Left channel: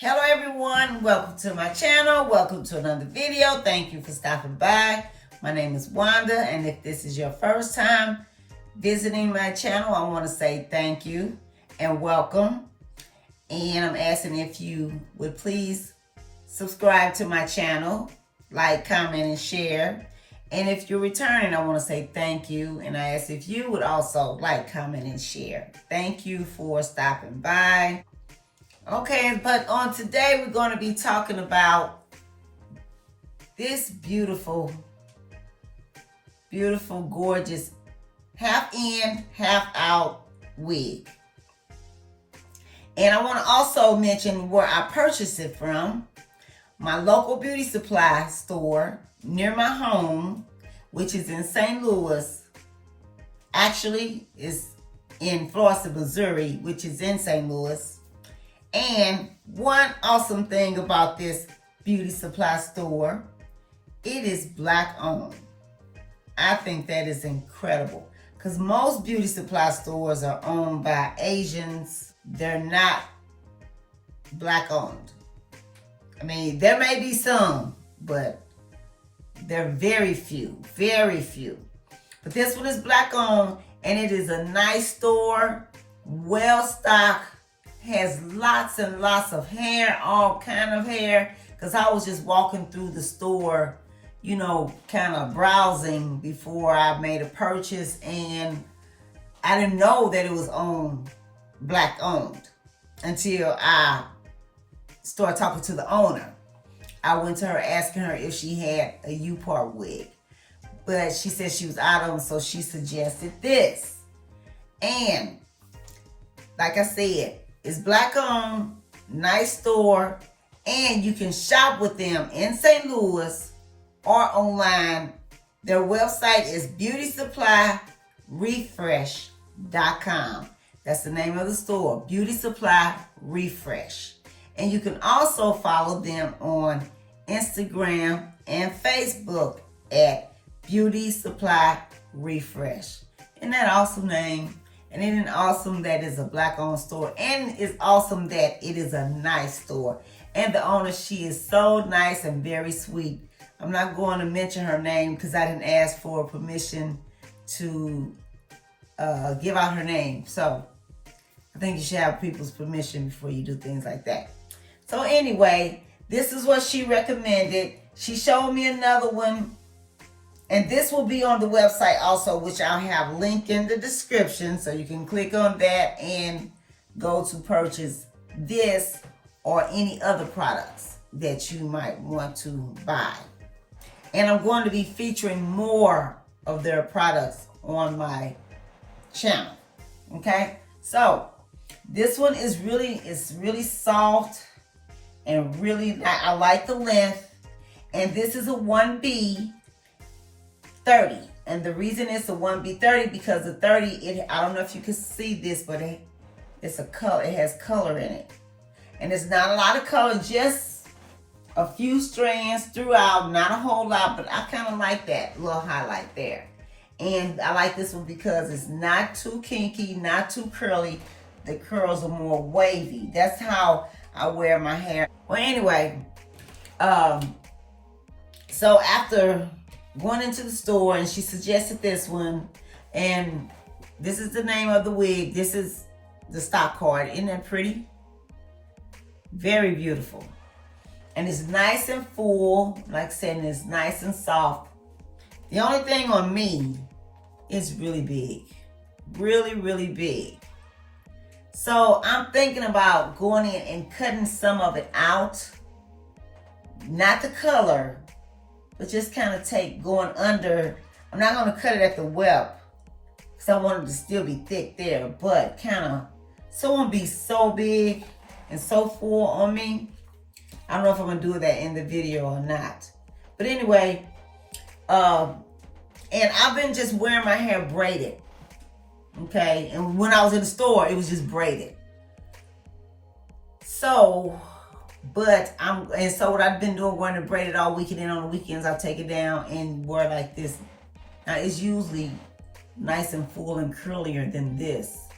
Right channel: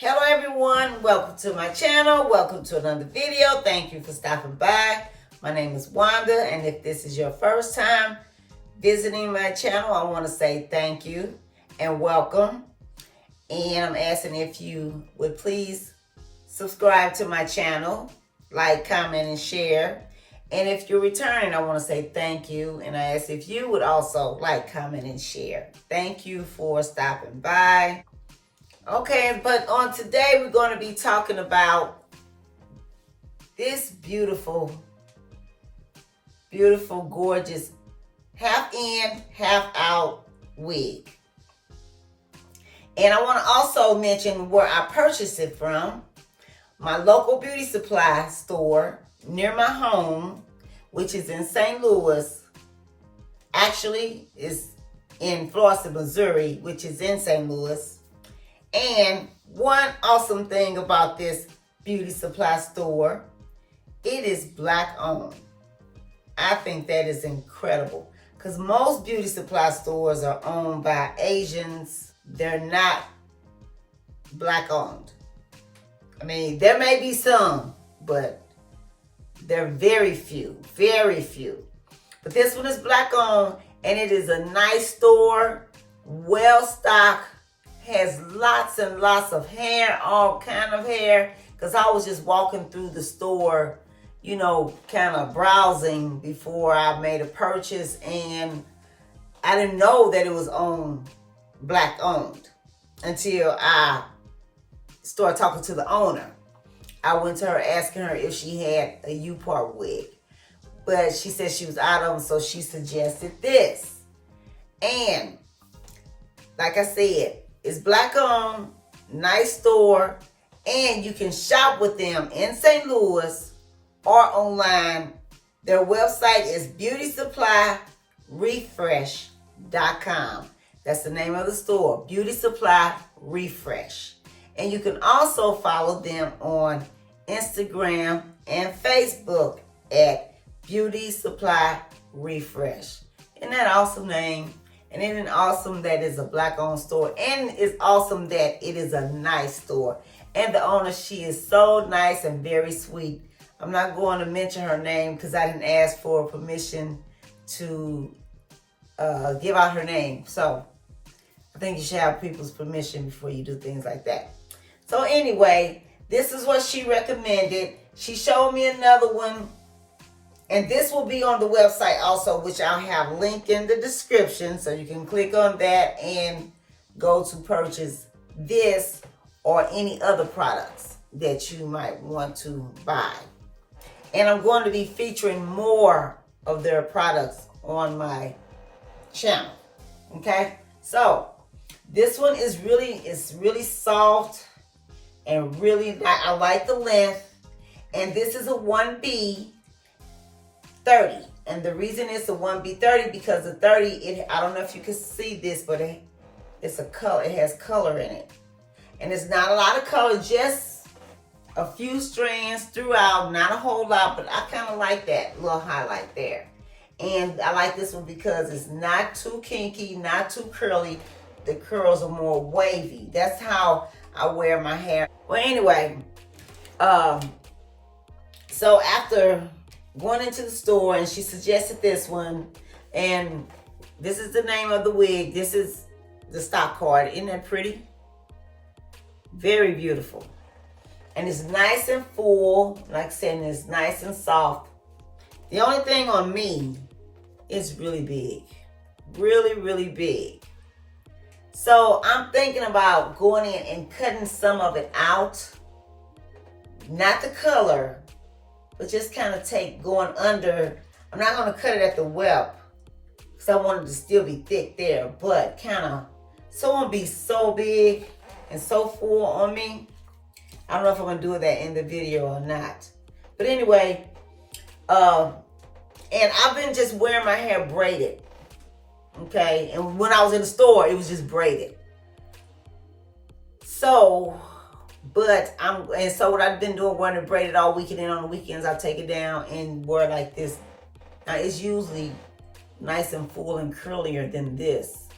Hello everyone, welcome to my channel, welcome to another video. Thank you for stopping by. My name is Wanda, and if this is your first time visiting my channel, I want to say thank you and welcome. And I'm asking if you would please subscribe to my channel, like, comment, and share. And if you're returning, I want to say thank you, and I ask if you would also like, comment, and share. Thank you for stopping by. Okay, but on today we're going to be talking about this beautiful, gorgeous half in, half out wig. And I want to also mention where I purchased it from. My local beauty supply store near my home, which is in St. Louis. Actually, it's in Florissant, Missouri, which is in St. Louis. And one awesome thing about this beauty supply store, it is Black owned. I think that is incredible because most beauty supply stores are owned by Asians. They're not Black owned. I mean, there may be some, but they're very few. But this one is Black owned, and it is a nice store, well stocked. Has lots and lots of hair, all kind of hair, because I was just walking through the store, you know, kind of browsing before I made a purchase, and I didn't know that it was Black owned until I started talking to the owner. I went to her asking her if she had a U-part wig, but she said she was out of them, so she suggested this. And like I said, it's Black owned, nice store, and you can shop with them in St. Louis or online. Their website is beautysupply.refresh.com. That's the name of the store, Beauty Supply Refresh. And you can also follow them on Instagram and Facebook at Beauty Supply Refresh. Isn't that an awesome name? And isn't it awesome that it's a Black owned store? And it's awesome that it is a nice store. And the owner, she is so nice and very sweet. I'm not going to mention her name because I didn't ask for permission to give out her name. So I think you should have people's permission before you do things like that. So anyway, this is what she recommended. She showed me another one. And this will be on the website also, which I'll have linked in the description. So you can click on that and go to purchase this or any other products that you might want to buy. And I'm going to be featuring more of their products on my channel. Okay? So this one is really soft and really, I like the length. And this is a 1B 30, and the reason it's a 1B30 because the 30, I don't know if you can see this, but it's a color. It has color in it, and it's not a lot of color, just a few strands throughout, not a whole lot. But I kind of like that little highlight there, and I like this one because it's not too kinky, not too curly. The curls are more wavy. That's how I wear my hair. Well, anyway, so after going into the store, and she suggested this one, and this is the name of the wig. This is the stock card. Isn't that pretty? Very beautiful. And it's nice and full. Like I said, and it's nice and soft. The only thing on me is really big. Really big. So I'm thinking about going in and cutting some of it out. Not the color, but just kind of going under. I'm not going to cut it at the welt because I want it to still be thick there, but kind of, so it won't be so big and so full on me. I don't know if I'm going to do that in the video or not. But anyway, and I've been just wearing my hair braided. Okay, and when I was in the store, it was just braided. So, so what I've been doing, wearing it braided all weekend, and on the weekends I'll take it down and wear like this. Now it's usually nice and full and curlier than this,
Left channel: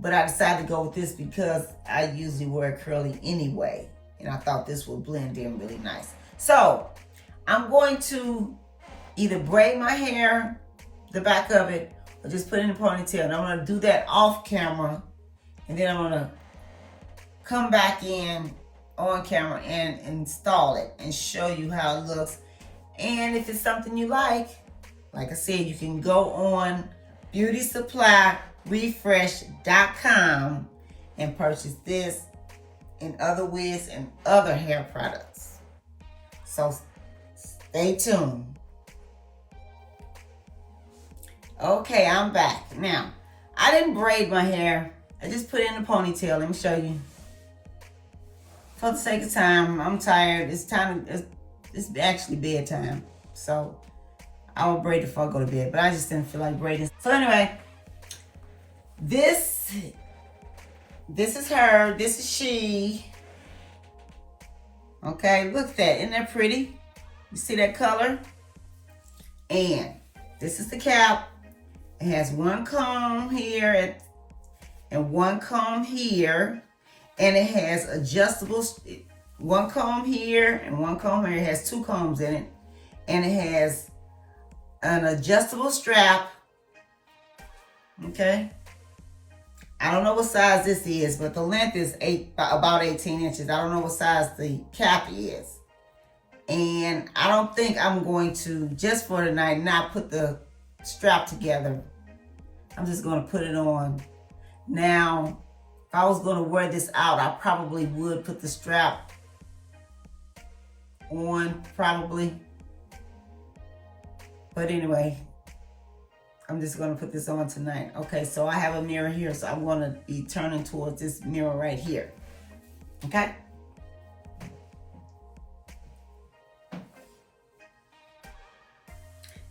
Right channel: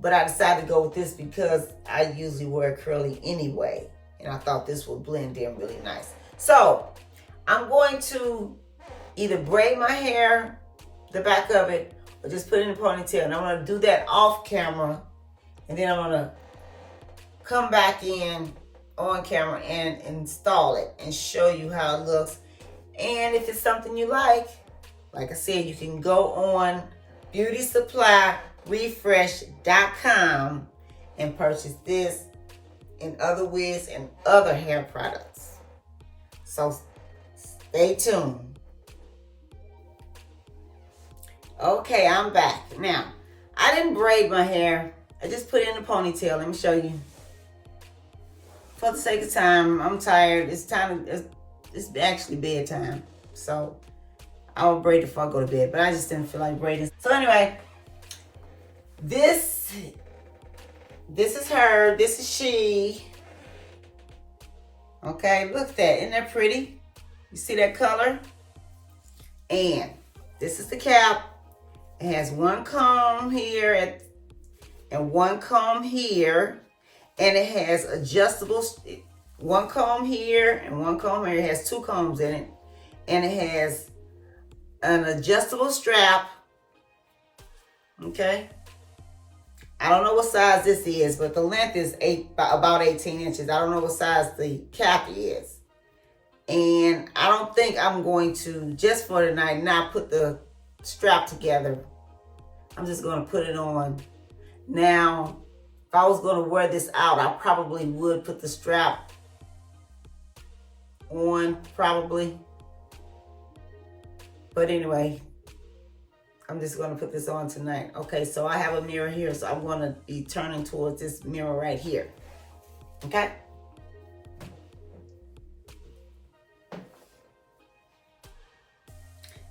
but I decided to go with this because I usually wear curly anyway. And I thought this would blend in really nice. So I'm going to either braid my hair, the back of it, or just put it in a ponytail. And I'm going to do that off camera. And then I'm going to come back in on camera and install it and show you how it looks. And if it's something you like I said, you can go on beautysupply.refresh.com and purchase this and other wigs and other hair products. So stay tuned. Okay, I'm back. Now, I didn't braid my hair. I just put it in a ponytail. Let me show you. For the sake of time, I'm tired. It's actually bedtime. So I will braid before I go to bed, but I just didn't feel like braiding. So anyway, this is her, this is she. Okay, look at that, isn't that pretty? You see that color? And this is the cap. It has one comb here and one comb here. And it has adjustable, one comb here and one comb here. It has two combs in it. And it has an adjustable strap. Okay. I don't know what size this is, but the length is about 18 inches. I don't know what size the cap is. And I don't think I'm going to, just for tonight, not put the strap together. I'm just going to put it on. Now, if I was going to wear this out, I probably would put the strap on, probably. But anyway, I'm just going to put this on tonight. Okay, so I have a mirror here, so I'm going to be turning towards this mirror right here. Okay?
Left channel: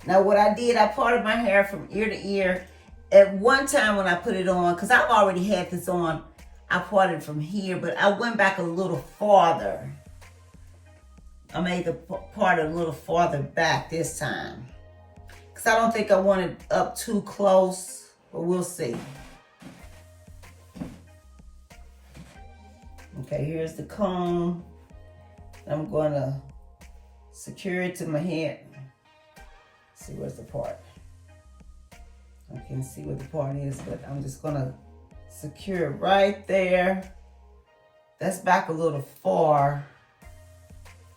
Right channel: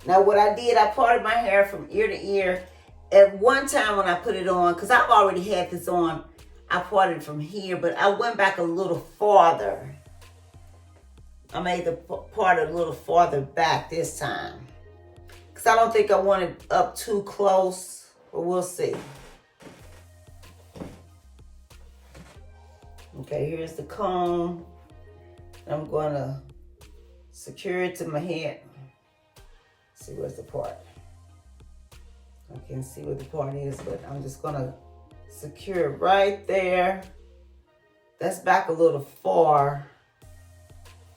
Now what I did, I parted my hair from ear to ear. At one time when I put it on, because I've already had this on, I parted from here, but I went back a little farther. I made the part a little farther back this time. Because I don't think I want it up too close, but we'll see. Okay, here's the comb. I'm going to secure it to my head. See, where's the part? I can't see what the part is, but I'm just gonna secure it right there. That's back a little far.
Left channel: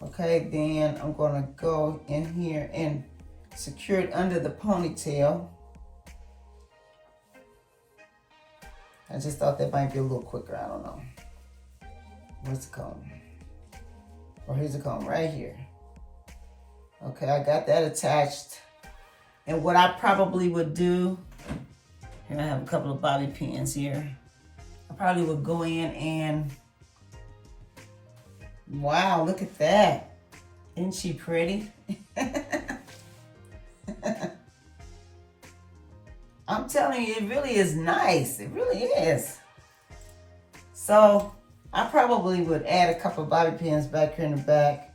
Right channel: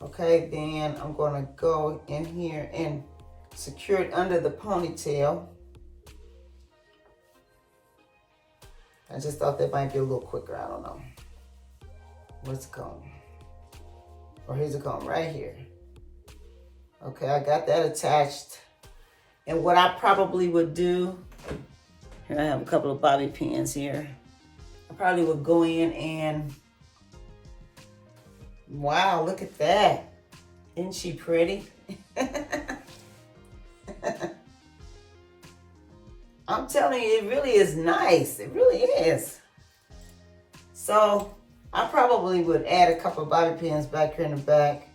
Okay, then I'm gonna go in here and secure it under the ponytail. I just thought that might be a little quicker, I don't know. Where's the comb? Or here's the comb right here. Okay, I got that attached. And what I probably would do, here I have a couple of bobby pins here. I probably would go in and, wow, look at that. Isn't she pretty? I'm telling you, it really is nice. It really is. So I probably would add a couple of bobby pins back here in the back,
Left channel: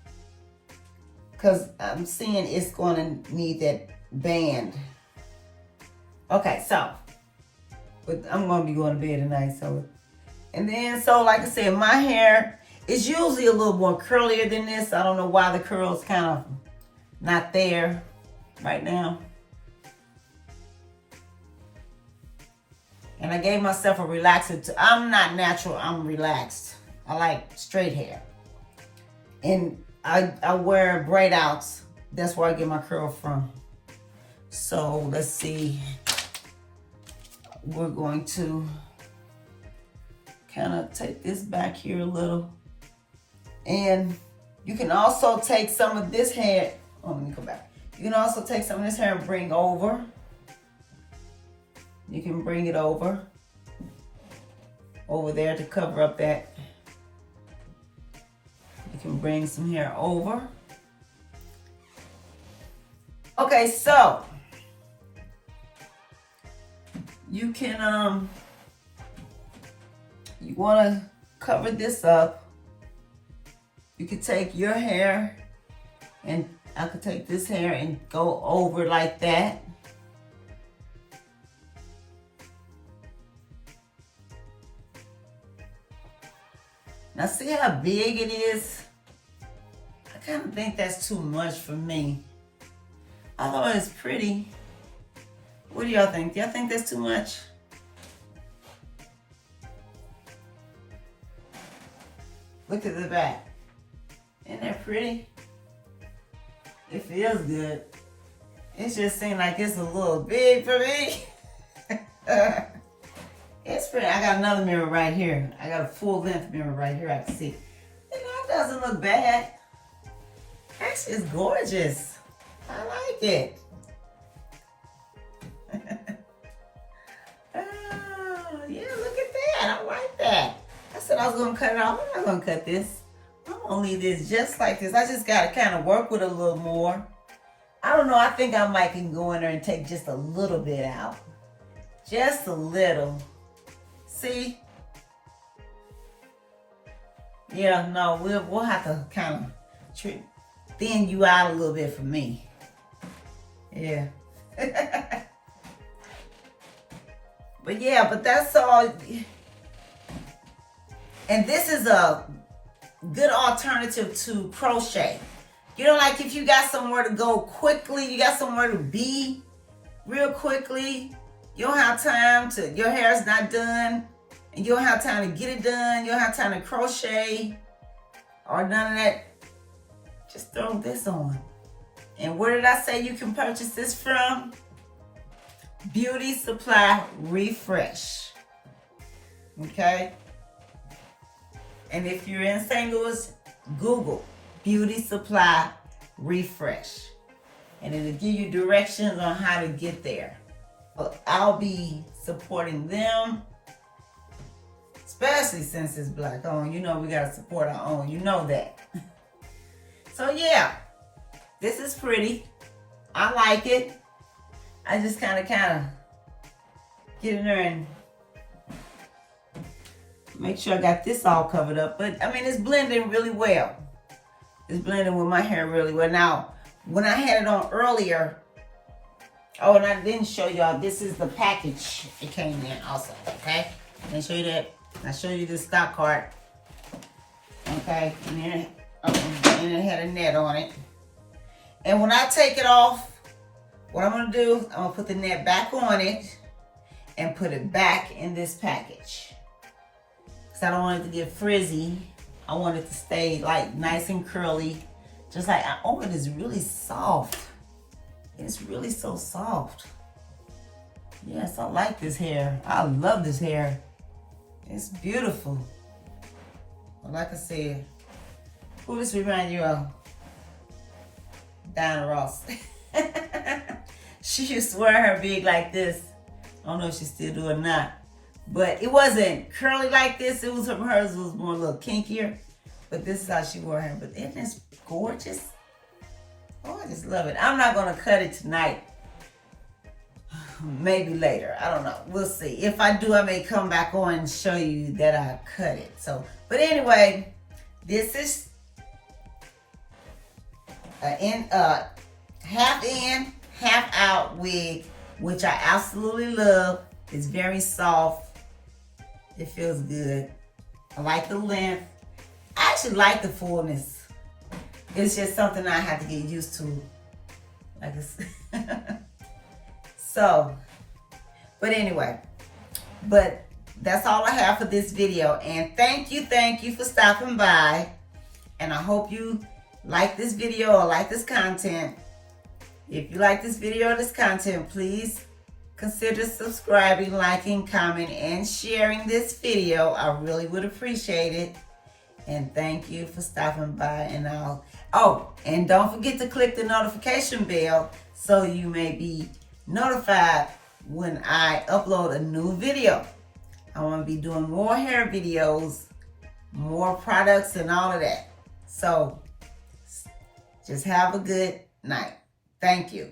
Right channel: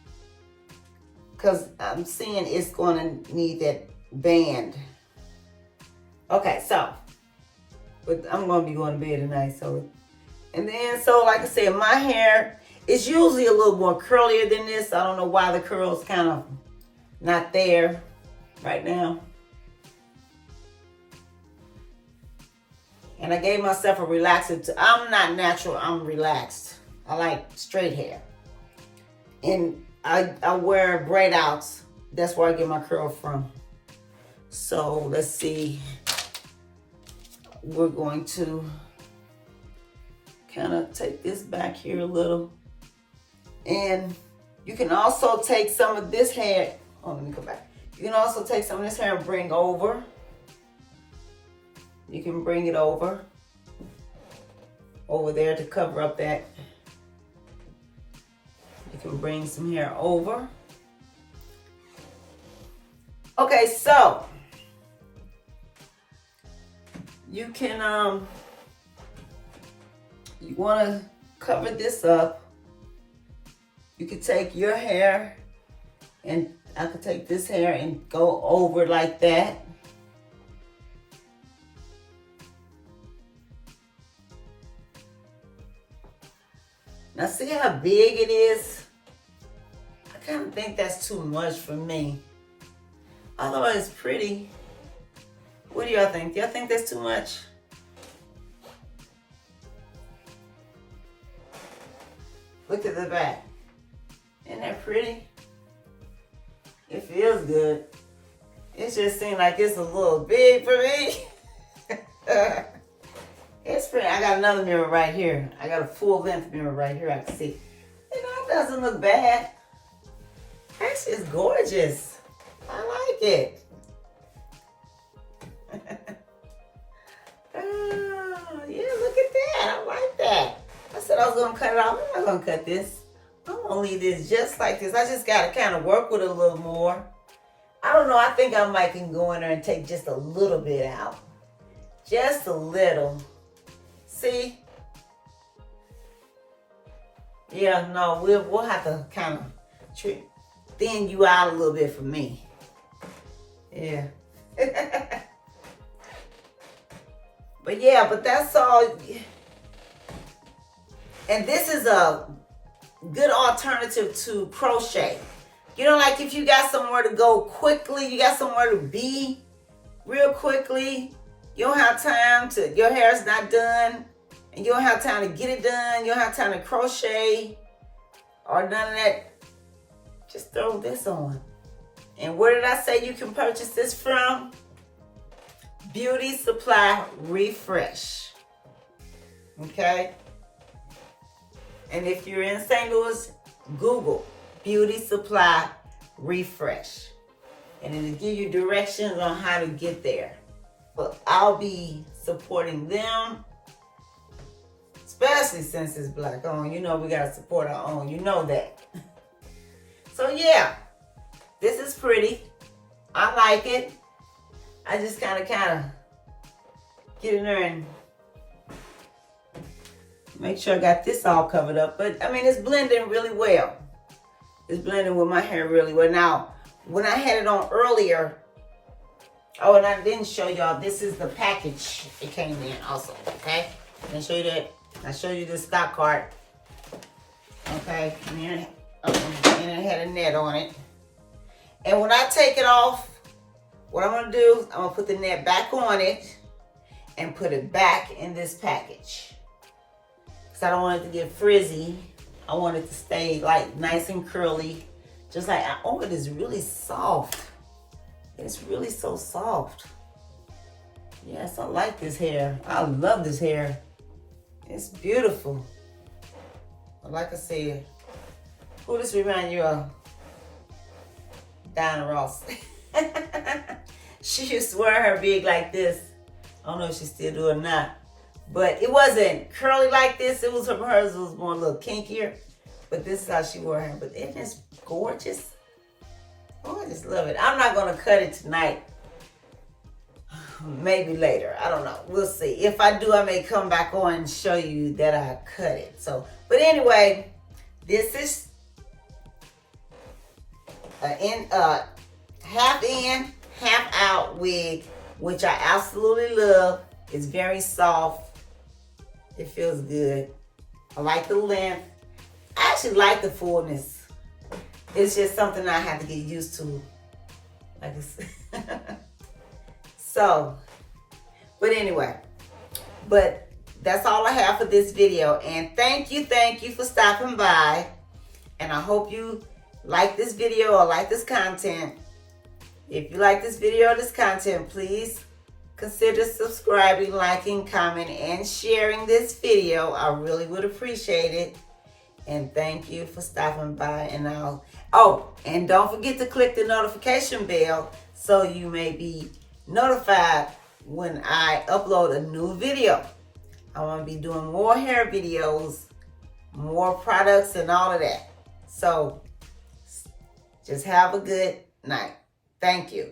because I'm seeing it's going to need that band. Okay, so I'm going to be going to bed tonight. So like I said, my hair is usually a little more curlier than this. I don't know why the curls kind of not there right now. And I gave myself a relaxer. I'm not natural, I'm relaxed. I like straight hair. And I wear braid outs. That's where I get my curl from. So let's see. We're going to kind of take this back here a little. And you can also take some of this hair. Oh, let me come back. You can also take some of this hair and bring over. You can bring it over there to cover up that. You can bring some hair over. Okay, so you can, you want to cover this up. You can take your hair, and I could take this hair and go over like that. Now see how big it is? I kind of think that's too much for me. Although it's pretty. What do y'all think? Y'all think that's too much? Look at the back. Isn't that pretty? It feels good. It just seems like it's a little big for me. It's pretty. I got another mirror right here. I got a full length mirror right here I can see. You know, it doesn't look bad. Actually, it's gorgeous. I like it. Oh, yeah, look at that. I like that. I said I was going to cut it off. I'm not going to cut this. I'm going to leave this just like this. I just got to kind of work with it a little more. I don't know. I think I might can go in there and take just a little bit out. Just a little. See? Yeah, no, we'll have to kind of thin you out a little bit for me. Yeah. But yeah, but that's all. And this is a good alternative to crochet. You know, like if you got somewhere to go quickly, you got somewhere to be real quickly, you don't have time to, your hair's not done, and you don't have time to get it done, you don't have time to crochet, or none of that, just throw this on. And where did I say you can purchase this from? Beauty Supply Refresh. Okay? And if you're in St. Louis, Google Beauty Supply Refresh. And it'll give you directions on how to get there. But I'll be supporting them, especially since it's Black owned. You know we gotta support our own. You know that. So yeah, this is pretty. I like it. I just kind of get in there and make sure I got this all covered up. But I mean, it's blending really well. It's blending with my hair really well. Now, when I had it on earlier, oh, and I didn't show y'all, this is the package it came in also, okay? I didn't show you that. I showed you the stock card, okay? And it had a net on it. And when I take it off, what I'm gonna do, I'm gonna put the net back on it and put it back in this package. Cause I don't want it to get frizzy. I want it to stay like nice and curly. Just like, oh, it is really soft. It's really so soft. Yes, I like this hair. I love this hair. It's beautiful. Like I said, who this remind you of? Diana Ross. She used to wear her wig like this. I don't know if she still do or not. But it wasn't curly like this. It was, hers was more a little kinkier. But this is how she wore her. But isn't this gorgeous? Oh, I just love it. I'm not going to cut it tonight. Maybe later. I don't know. We'll see. If I do, I may come back on and show you that I cut it. So, but anyway, this is half in, half out wig, which I absolutely love. It's very soft. It feels good. I like the length. I actually like the fullness. It's just something I have to get used to. Like it's so, but anyway, but that's all I have for this video. And thank you for stopping by. And I hope you like this video or like this content. If you like this video or this content, please consider subscribing, liking, commenting, and sharing this video. I really would appreciate it. And thank you for stopping by. And and don't forget to click the notification bell so you may be notified when I upload a new video. I want to be doing more hair videos, more products, and all of that. So just have a good night. Thank you.